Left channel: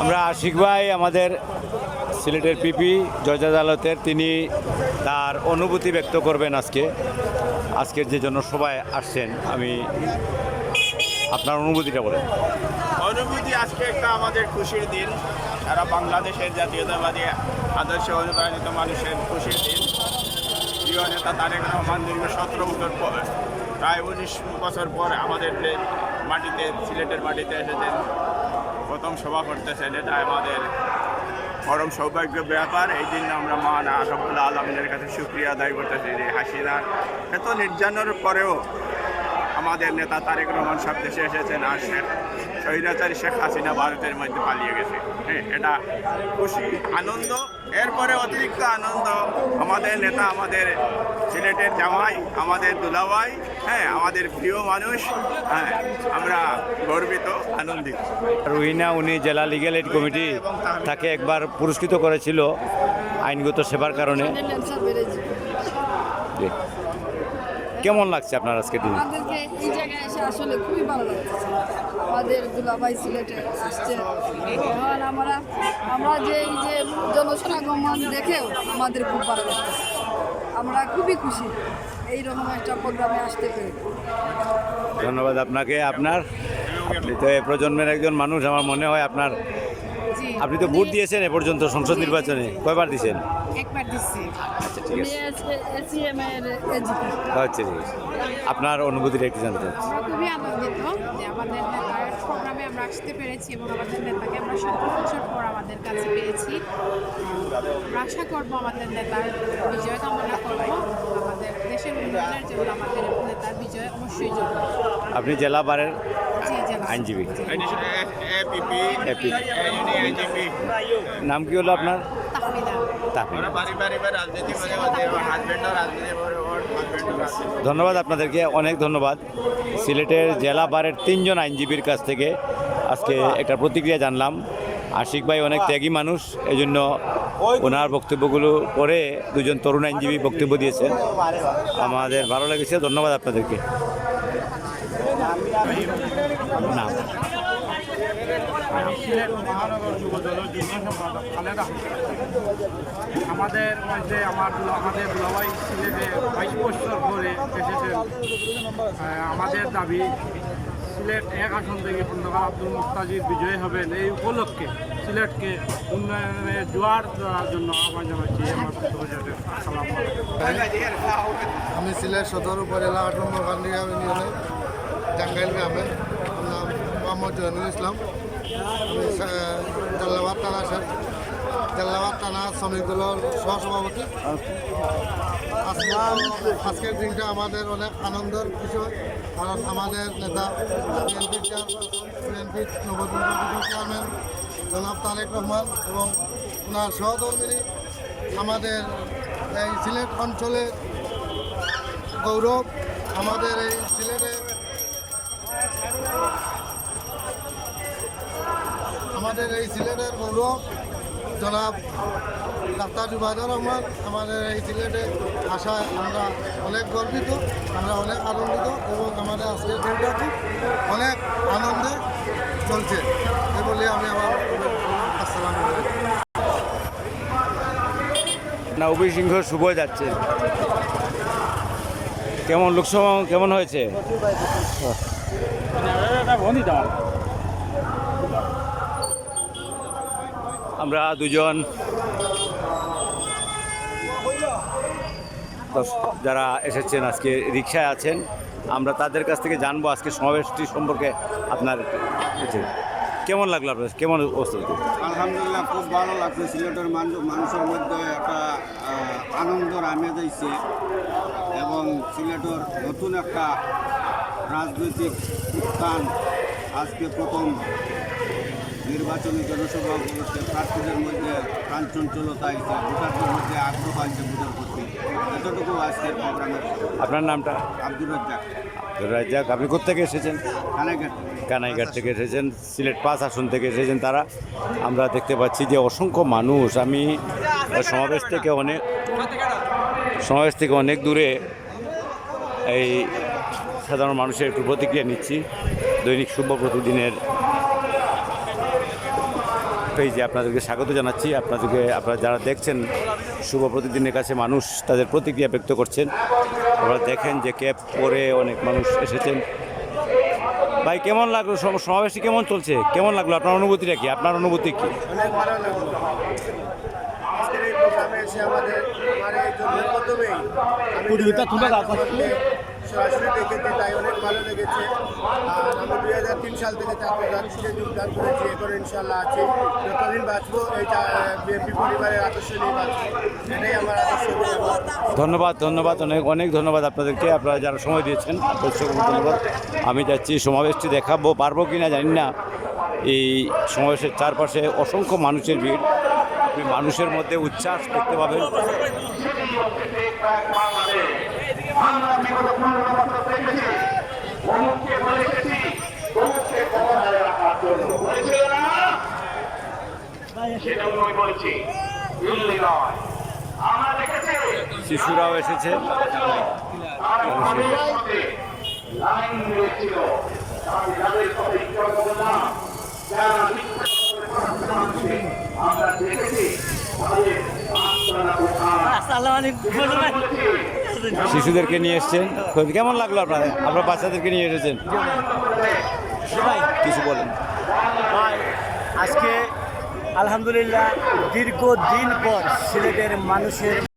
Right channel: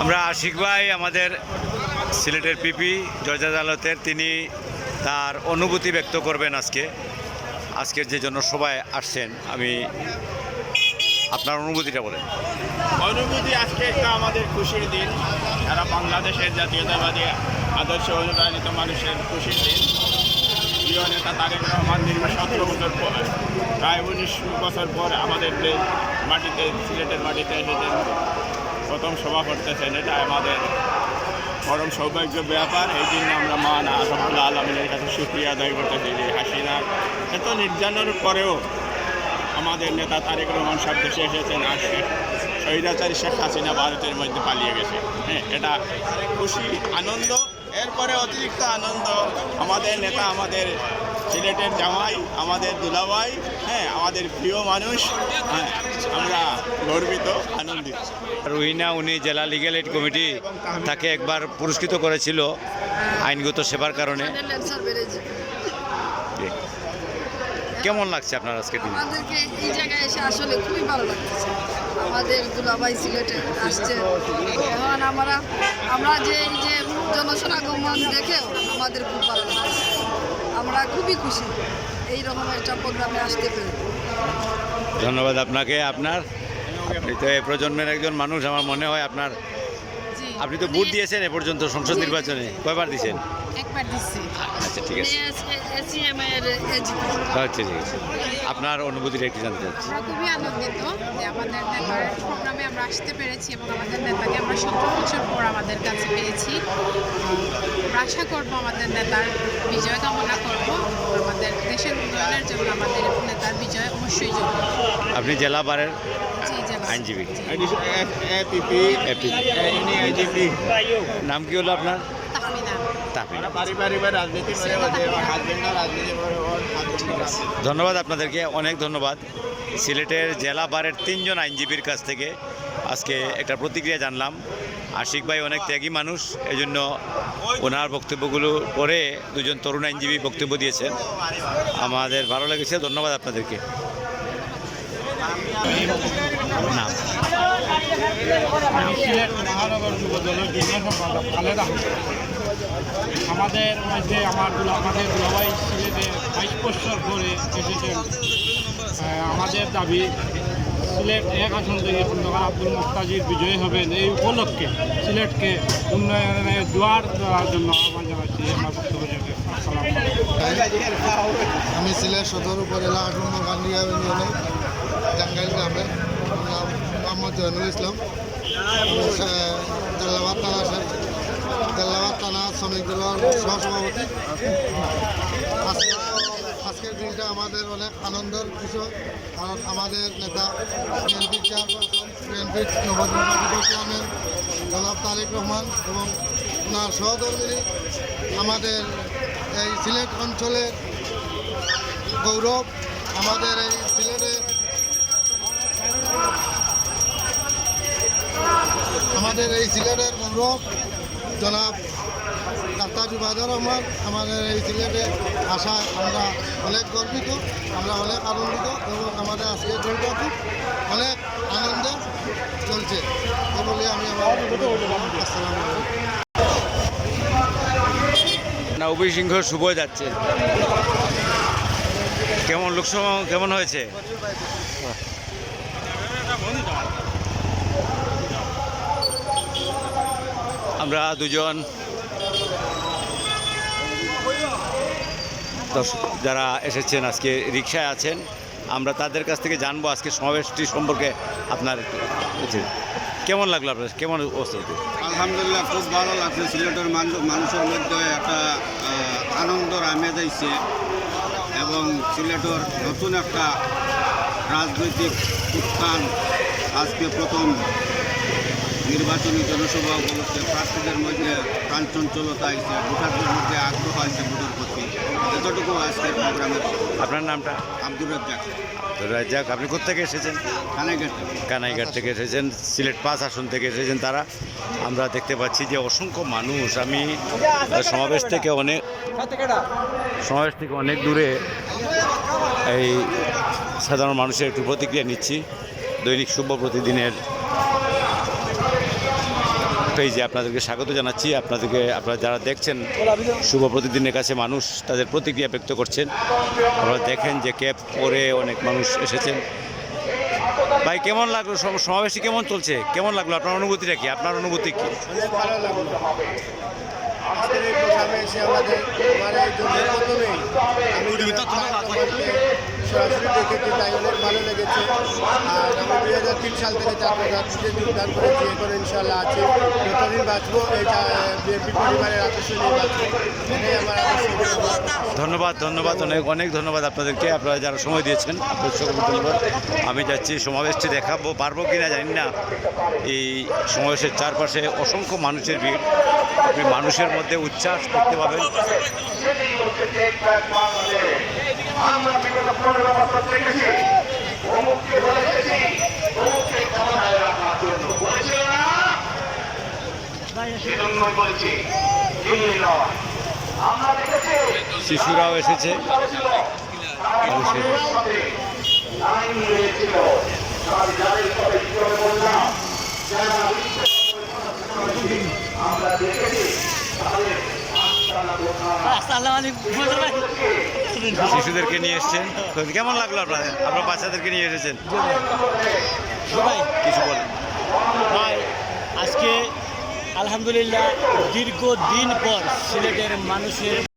আমরা আশিক ভাই আমাদের সিলেটের পিপি জজ আদালতের, তিনি তার অনুভূতি ব্যক্ত করবেন আজকের যে জন্য সবাই আসছেন। আমি আপনার অনুভূতিটা বলেন। অনুভূতি আজকে একটা আমাদের খুশির দিন, সারা বাংলাদেশের জাতীয়তাবাদী আদর্শে অনুপ্রাণিত মানুষের খুশির দিন। প্রিয় নেতা তারেক রহমান দীর্ঘ 17 বছর পর, প্রায় 19 বছর পর আমাদের মাটিতে, সিলেটের মাটিতে এসেছেন, প্রথম সভা করতেছেন। এটা আমাদের পরম সৌভাগ্যের ব্যাপার। এই জন্য আমরা মান রব্বুল আলামিনের কাছে শুকরিয়া আদায় করতেছি যে হাসিনার এত নির্যাতনের পরেও আমাদের নেতা তারেক রহমান সব দেশে এসেছেন, আর স্বৈরাচারী শেখ হাসিনা ভারতের মধ্যে পালিয়ে গেছে। হ্যাঁ, এটা খুশি, আনন্দ। এরপরে অতিরিক্ত আনন্দ, আমাদের নেতা আমাদের সিলেটের জামাই, আমাদের দুলাভাই, হ্যাঁ, আমাদের প্রিয় মানুষ। হ্যাঁ, আমরা গর্বিত, আনন্দিত। রুহিনা, উনি জেলা লিগ্যাল এইড কমিটি তাকে একবার পুরস্কৃত করেছিল আইনগত সেবার কারণে। কেমন লাগছে আপনার আজকে দিন? আমাদেরকে এই জায়গায় এসে আসলে খুবই ভালো লাগছে। আমাদের দুলাভাই সিলেটে আসছে, এখন আমরা যে এই যে জনসমাগমন দেখেও আমাদের খুব ভালো লাগছে। আমরা খুবই খুশি এইরকম একটা প্রোগ্রামে আসতে পেরে। ধন্যবাদ আপনাকে। আপনি তো এই প্রজন্মের একজন মানুষ, আমার মনে হয় আপনি তো ভোট দিয়েছেন এ পর্যন্ত সংসদ নির্বাচনে, কয়বার দিয়েছেন? একবার দিচ্ছি। আচ্ছা, ঠিক আছে। আমরা আচ্ছা, ঠিক আছে। আপনার অনুভূতিটা একটু জানতে চাচ্ছি। খুবই আনন্দিত যে আমাদের নেতার প্রোগ্রামে আমরা আসতে পেরেছি এবং আমাদের নেতাকে আমরা 17 বছর পর আমাদের কাছে পেয়েছি। আমরা আশা করবো আমাদের নেতার বিজয় কামনা করব। আমাদের দেশের উন্নয়নের জন্য আমাদের নেতার বিজয় অবশ্যই যোগ্য। আপনি জেলা বারের জেলা আইনজীবী। এপিপি। নাম কি হলো আপনার? তাহমিনা। তাহমিনা। রাজনীতি। ধন্যবাদ আপনাদেরকে, অনেক ধন্যবাদ। সিলেটের জেলা বারের 3 জন আইনজীবীর কাছ থেকে আজকে একটা প্রতিক্রিয়া জানলাম। আশিক ভাই অনেক ত্যাগী মানুষ, এই জন্য ওনার বক্তব্যগুলো পরে 2 জন তরুণ আইনজীবী বক্তব্য দিয়েছেন, আমাদের ভালো লেগেছে। ধন্যবাদ আপনাদেরকে। নাম? সিলেট মহানগর যুব দলের যুগ্ম সম্পাদক খালেদ আহমেদ। আমাদের মধ্যে আমাদের দুলাভাই সিলেটে 22 বছর পরে এসেছেন। আমাদের দাবি সিলেট 1 আসন থেকে খন্দকার আব্দুল মুক্তাজির বিজয়ী হবেন। এই উপলক্ষে সিলেটকে উন্নয়নের জোয়ার দেওয়ার জন্য আহ্বান জানাচ্ছি। আমার বক্তব্য যাবে। আসসালামু আলাইকুম। আমি সিলেট সদর উপজেলা 8 নম্বর কান্দিয়া ইউনিয়নে টাঙ্গাইল গ্রামে, নাম মোহাম্মদ জয়নুল ইসলাম। আমি জাল্লাবাদ থানা শ্রমিক দলের সহসভাপতি। আজকের দিনটা আমাদের অনেক আনন্দের বিষয়, কারণ আমাদের নেতা বিএনপির চেয়ারপারসন, বিএনপির নবনির্বাচিত চেয়ারম্যান জনাব তারেক রহমান এবং ওনার সহধর্মিনী আমাদের এই সিলেট অঞ্চলের গৌরব, আমাদের এই সিলেটের গৌরব জনাব ডাক্তার জুবাইদুর রহমান আমাদের এই সিলেটে আসায় আমরা অনেক গর্বিত, আমরা অনেক আনন্দিত এবং আমাদের আজকের দিনটা খুব অনেক আনন্দে চলছে। এই বলে আমি আমার আসসালামু আলাইকুম। নবী সিংহ শুভ যাচ্ছে, কেমন লোকসভা কেমন হয়েছে? আমরা 2 জন যারা এসেছেন আজকে রিকশায় আছেন, আমরা তাদের কাছ থেকে জানবো আজকে সমাবেশটি সম্পর্কে। আপনার কেমন লাগলো? আপনার কেমন অবস্থা? আলহামদুলিল্লাহ, খুব ভালো লাগছে। সিলেটের মানুষের মধ্যে একটা আনন্দর আমেজ আইছে এবং সিলেটের নতুন একটা রাজনৈতিক উত্থান। আজকে প্রথম নির্বাচনী জনসভা উপলক্ষে প্রার্থীদের মধ্যে প্রাণচঞ্চলতা আইছে, ভোটারদের মধ্যে আগ্রহ আইছে ভোটের প্রতি। এতটুকু আজকের প্রোগ্রামের। আপনার নামটা? আব্দুর রাজ্জাক। আব্দুর রাজ্জাক। আপনি কোথেকে এসেছেন? কানাইঘাট থেকে এসেছেন, সিলেট 5 আসন থেকে এসেছেন তারা। আমরা দেখতে পাচ্ছি যে অসংখ্য মানুষ। আমি সমাবেশ থেকে অনেক দূরে এই সাধারণ মানুষের একটু প্রতিক্রিয়া নিচ্ছি। দৈনিক শুভ প্রতিদিনের পেজে আপনাদেরকে স্বাগত জানাচ্ছি। আপনারা যারা দেখছেন শুভ প্রতিদিনের কাছে মানুষ তাদের প্রতিক্রিয়া ব্যক্ত করছেন। আপনারা দেখেন যে ক্যাব পরে অনেক মানুষ এসেছেন। ভাই কেমন লাগলো সমাবেশটি কেমন চলছে, কেমন লাগলো আপনার অনুভূতিটা কি, আপনার অনুভূতি কি? অনেক ভালো লাগলো আজকের এই প্রোগ্রামে এসে আমার এই জন্মের প্রথমেই আমি সরাসরি দেখেছি, তাই অনেক ভালো লেগেছে। আর আমি 2003 সাল থেকে ছাত্রছাত্রীতে যোগদান করেছি, এখন ইনশাল্লাহ আছি। যতদিন বাঁচবো এই বিএনপি পরিবারের আদর্শ নিয়ে বাঁচবো, এটাই আমার আদর্শ। ধন্যবাদ অনেক ধন্যবাদ আপনাদেরকে, আপনারা যারা সময় দিয়েছেন আপনাদের সকলকে ধন্যবাদ। আমি যাচ্ছি সমাবেশটি দেখাবো পারবো কি না জানি না। এই সমাবেশের চারপাশে অসংখ্য মানুষের ভিড়, আপনি মানুষের মধ্যে উচ্ছ্বাস দেখতে পাবেন। শিশুরাও এসেছে। শিশুদেরকে নিয়ে এসছেন, কেমন লাগলো আপনার বাচ্চাদেরকে নিয়ে এসেছেন? ভাই কিছু বলেন ভাই, আজকে আলহামদুলিল্লাহ দীর্ঘদিন পর সিলেটের মানুষের